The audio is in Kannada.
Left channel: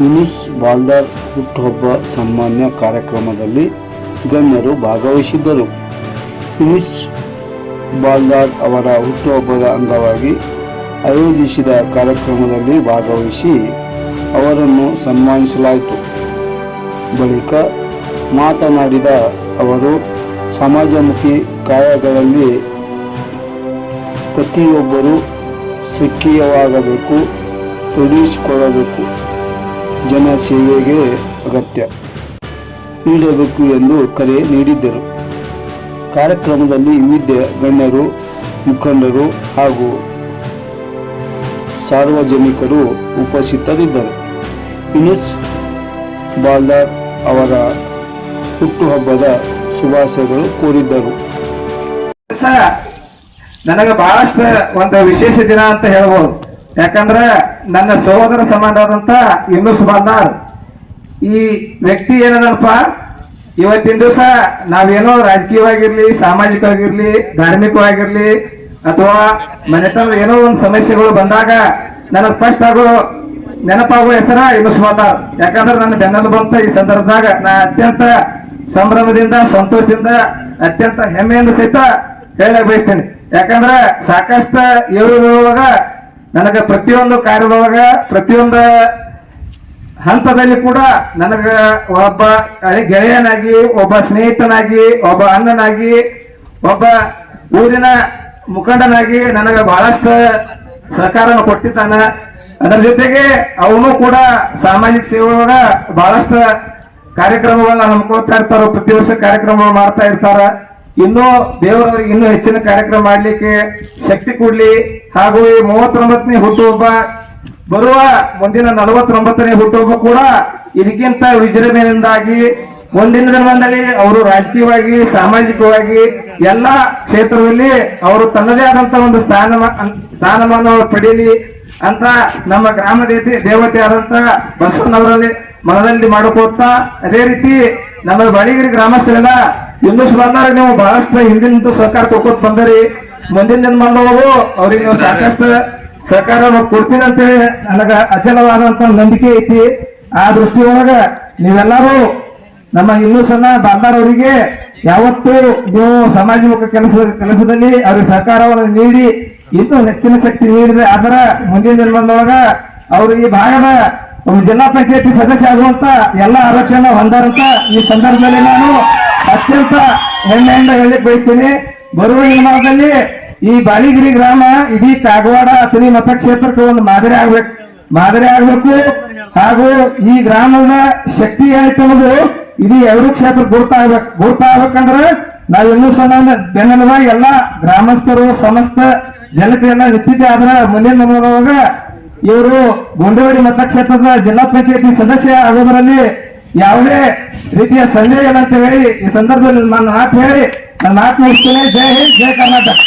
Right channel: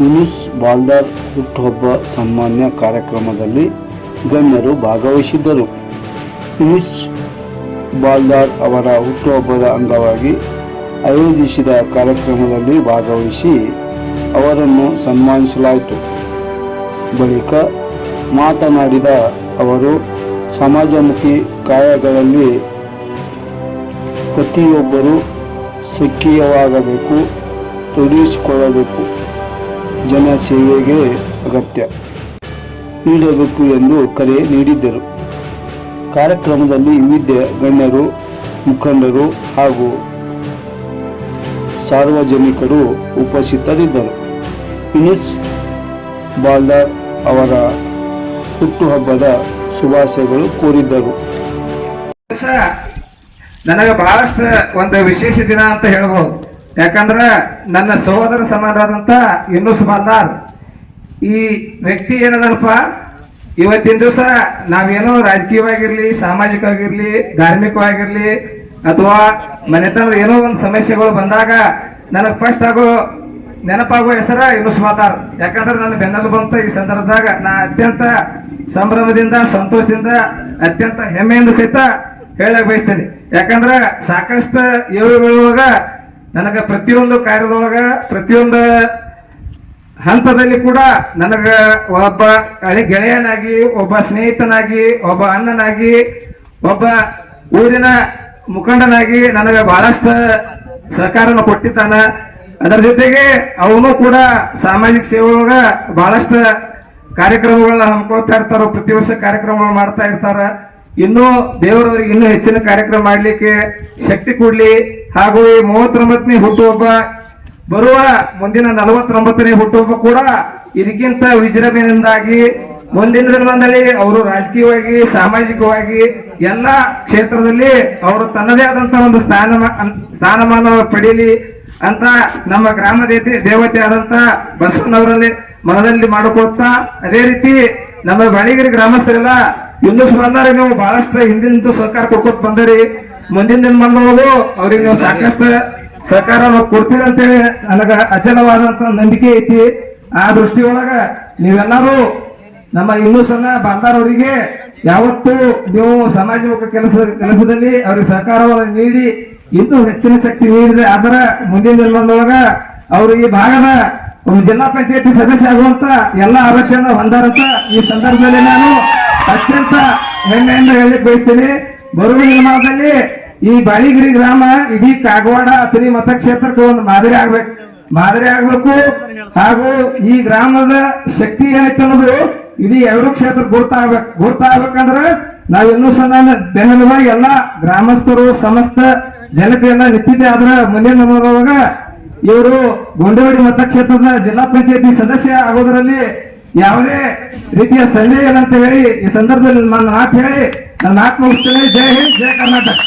ಯೂನುಸ್ ಬಾಲ್ದಾರ್ ಹುಟ್ಟುಹಬ್ಬ ಸನ್ಮಾನ್ಯ ಕಾರ್ಯಕ್ರಮದಲ್ಲಿ ಗಣ್ಯರು ಭಾಗವಹಿಸಿದ್ದರು. ಯೂನುಸ್ ಬಾಲ್ದಾರ್ ಅವರ ಹುಟ್ಟುಹಬ್ಬದ ಅಂಗವಾಗಿ ಆಯೋಜಿಸಿದ ಕಾರ್ಯಕ್ರಮದಲ್ಲಿ ಭಾಗವಹಿಸಿ ಅವರನ್ನು ಸನ್ಮಾನಿಸಲಾಯಿತು. ಬಳಿಕ ಮಾತನಾಡಿದ ಅವರು, ಸಮಾಜಮುಖಿ ಕಾರ್ಯಗಳಲ್ಲಿ ಪ್ರತಿಯೊಬ್ಬರೂ ಸಕ್ರಿಯವಾಗಬೇಕು, ತೊಡಗಿಸಿಕೊಳ್ಳಬೇಕು, ಜನ ಸೇವೆಗೆ ಅಗತ್ಯ ನೀಡಬೇಕು ಎಂದು ಕರೆ ನೀಡಿದ್ದರು. ಕಾರ್ಯಕ್ರಮದಲ್ಲಿ ವಿವಿಧ ಗಣ್ಯರು, ಮುಖಂಡರು ಹಾಗೂ ಸಾರ್ವಜನಿಕರು ಉಪಸ್ಥಿತರಿದ್ದರು. ಯೂನುಸ್ ಬಾಲ್ದಾರ್ ಅವರ ಹುಟ್ಟುಹಬ್ಬದ ಶುಭಾಶಯಗಳು ಕೋರಿದ್ದರು. ನನಗೆ ಬಹಳಷ್ಟು ಒಂದು ವಿಶೇಷ ದಿನ ಅಂತ ಹೇಳ್ಬೋದು. ಯಾಕಂದ್ರ ನನ್ನ ಸಹೋದರ ಸಮಾನವಾದಂತ ಯೂನುಸ್ ಬಾಲ್ದಾರ್ ಈ ವ್ಯಕ್ತಿ ಏನದಲ್ಪ, ಇವತ್ತಿನ ದಿವಸ ನಾವೇನೋ ರಾಜಕೀಯವಾಗಿರ್ಲಿ, ಸಾಮಾಜಿಕವಾಗಿರ್ಲಿ, ಧಾರ್ಮಿಕವಾಗಿರ್ಲಿ ಅಥವಾ ಮನೆತನ ಏನೋ ಒಂದು ಸಮಸ್ಯೆಗಳು ಬಂದಾಗ ನನಗೆ ಫಸ್ಟ್ ನೆನಪಾಗುವ ಹೆಸರ ಯೂನುಸ್ ಬಾಲ್ದಾರ್. ಯಾಕಂದ್ರೆ ನನ್ನ ಬೆನ್ನಲ್ಲಿ ಬಂತ ಈ ಸಂದರ್ಭದಾಗ ನಾ ಅತ್ಯಂತ ಸಂಭ್ರಮದಿಂದ, ಸಂತೋಷದಿಂದ, ಅತ್ಯಂತ ಹೆಮ್ಮೆಯಿಂದ ಸಹಿತ ಹೇಳಕ್ ಬಯಸ್ತೇನೆ. ಯಾಕಂದ್ರ ಸಾಕಷ್ಟು ಇರುವಾಗ ನನಗ ಪ್ರತಿಯೊಂದು ಕಾರ್ಯದೊಳಗ, ಪ್ರತಿಯೊಂದು ಹಂತದಲ್ಲಿ ಕೂಡ ನನಗ ಒಬ್ಬ ಗೆಳೆಯನಾಗಿ, ಒಬ್ಬ ಸ್ನೇಹಿತನಾಗಿ, ಒಬ್ಬ ಅಣ್ಣನಾಗಿ, ಒಬ್ಬ ಊರಿನ ಮುಖಂಡನಾಗಿ ನನಗ ಬಹಳಷ್ಟು ಸಹಕಾರವನ್ನು ಕೊಟ್ಟಿದ್ದಾನ. ಅದರ ಜೊತೆಗೆ ಅವನು ಕೂಡ ಸಾಮಾಜಿಕ ಸೇವೆ ಒಳಗ ಬಹಳಷ್ಟು ಕಾರ್ಯಕ್ರಮಗಳನ್ನ ಹಮ್ಮಿಕೊಳ್ತಾ ಇರ್ತಾರ, ಪ್ರತಿ ವರ್ಷ ಕಾರ್ಯಕ್ರಮಗಳು ಮಾಡ್ತಾ ಇರ್ತಾರ. ಇನ್ನೂ ದೇವರವರಿಗೆ ಇನ್ನೂ ಹೆಚ್ಚಿನ ಕಾರ್ಯಕ್ರಮ ಮಾಡ್ಲಿಕ್ಕೆ ಶಕ್ತಿ ಕೊಡ್ಲಿ. ಹಾಗೂ ಈ 39ನೇ ಹುಟ್ಟುಹಬ್ಬ ಬರುವ ಮುಂದಿನ 49ನೇ ಹುಟ್ಟುಹಬ್ಬ ಕೂಡ ಇದಕ್ಕಿಂತ ವಿಜೃಂಭಣೆಯಿಂದಾಗಿ ಮುಂದಿನ ದಿನಗಳಲ್ಲಿ ಅವರು ರಾಜಕೀಯವಾಗಿ, ಸಾಮಾಜಿಕವಾಗಿ ಎಲ್ಲಾ ಕ್ಷೇತ್ರದಲ್ಲಿ ಅವರು ತನ್ನದೇ ಆದಂತಹ ಒಂದು ಸ್ಥಾನಮಾನ ಪಡೀಲಿ ಅಂತ ನಮ್ಮ ಗ್ರಾಮ ದೇವತೆ ಆದಂತ ಬಸವನವರಲ್ಲಿ ಮನದಲ್ಲಿ ಮಾಡಿಕೊಡ್ತಾ, ಅದೇ ರೀತಿ ನಮ್ಮ ಬಾಳಿಗಿರಿ ಗ್ರಾಮಸ್ಥರೆಲ್ಲ ಯೂನುಸ್ ಬಾಲ್ದಾರ್ ನೀವು ಬಹಳಷ್ಟು ಹಿಂದಿನ ಸಹಕಾರ ಕೊಟ್ಕೊತ ಬಂದರಿ. ಮುಂದಿನ ದಿನಮಾನದೊಳಗೂ ಅವ್ರಿಗೆ ನೀವು ಸಾಕಷ್ಟು ಸಹಕಾರ ಕೊಡ್ತೀರಿ ಅಂತೇಳಿ ನನಗ ಅಚಲವಾದಂತ ನಂಬಿಕೆ ಐತಿ. ಆ ದೃಷ್ಟಿಯೊಳಗ ನೀವೆಲ್ಲರೂ ನಮ್ಮ ಯೂನುಸ್ ಬಾಲ್ದಾರ್ ಅವರಿಗೆ ಯಾವತ್ತೂ ನೀವು ಸಮಾಜಮುಖ ಕೆಲಸದಲ್ಲಿ ಅವ್ರಿಗೆ ಸಹಕಾರವನ್ನು ನೀಡಿ ಇನ್ನೂ ಹೆಚ್ಚಿನ ಶಕ್ತಿ ನೀಡಿದ್ರೆ ಅದರ ಮುಂದಿನ ದಿನಮಾನದೊಳಗ ಅವರು ಈ ಭಾಗದ ಒಂದು ಜಿಲ್ಲಾ ಪಂಚಾಯತಿ ಸದಸ್ಯ ಆಗುವಂತ ಎಲ್ಲ ಅರ್ಹತೆಯನ್ನು ಹೊಂದಾರಂತ ಈ ಸಂದರ್ಭದಲ್ಲಿ ನಾನು ಅತ್ಯಂತ ಹೆಮ್ಮೆಯಿಂದ ಹೇಳಲಿಕ್ಕೆ ಬಯಸ್ತೇನೆ. ಬರುವ ದಿನಮಾನದಲ್ಲಿ ಈ ಬಾಳಿಗಿರಿ ಗ್ರಾಮ ಇಡೀ ಕಾಗವಾಡ ಅಥಣಿ ಮತಕ್ಷೇತ್ರಕ್ಕೆ ಒಂದು ಮಾದರಿ ಆಗ್ಬೇಕು. ಹಾಗೂ ಈ ಗ್ರಾಮದ ಶಕ್ತಿ ಏನೈತೆ ಅನ್ನೋದು ಇಡೀ ಎರಡು ಕ್ಷೇತ್ರ ಗುರುತಾಗ್ಬೇಕಂದ್ರೆ ನಾವು ಇನ್ನೂ ಬೆನ್ನೆಲುಬಾಗಿ ಎಲ್ಲ ಗ್ರಾಮಸ್ಥರು, ಸಮಸ್ತ ಜನತೆಯನ್ನ ನಿಂತಿದ್ದೆ. ಅದರ ಮುಂದಿನ ದಿನದೊಳಗ ಇವರು ಗೊಂಡವಾಡಿ ಮತಕ್ಷೇತ್ರದ ಜಿಲ್ಲಾ ಪಂಚಾಯತಿ ಸದಸ್ಯ ಆಗೋದರಲ್ಲಿ ಯಾವುದೇ ರೀತಿಯ ಸಂದೇಹ ಇಲ್ಲ ಅಂತ ಹೇಳಿ ಈ ಸಂದರ್ಭದಲ್ಲಿ ನನ್ನ ಮಾತು ಹೇಳಿ ನನ್ನ ಮಾತು ಮುಗಿಸ್ತೇನೆ. ಜೈ ಹಿಂದ್, ಜೈ ಕರ್ನಾಟಕ.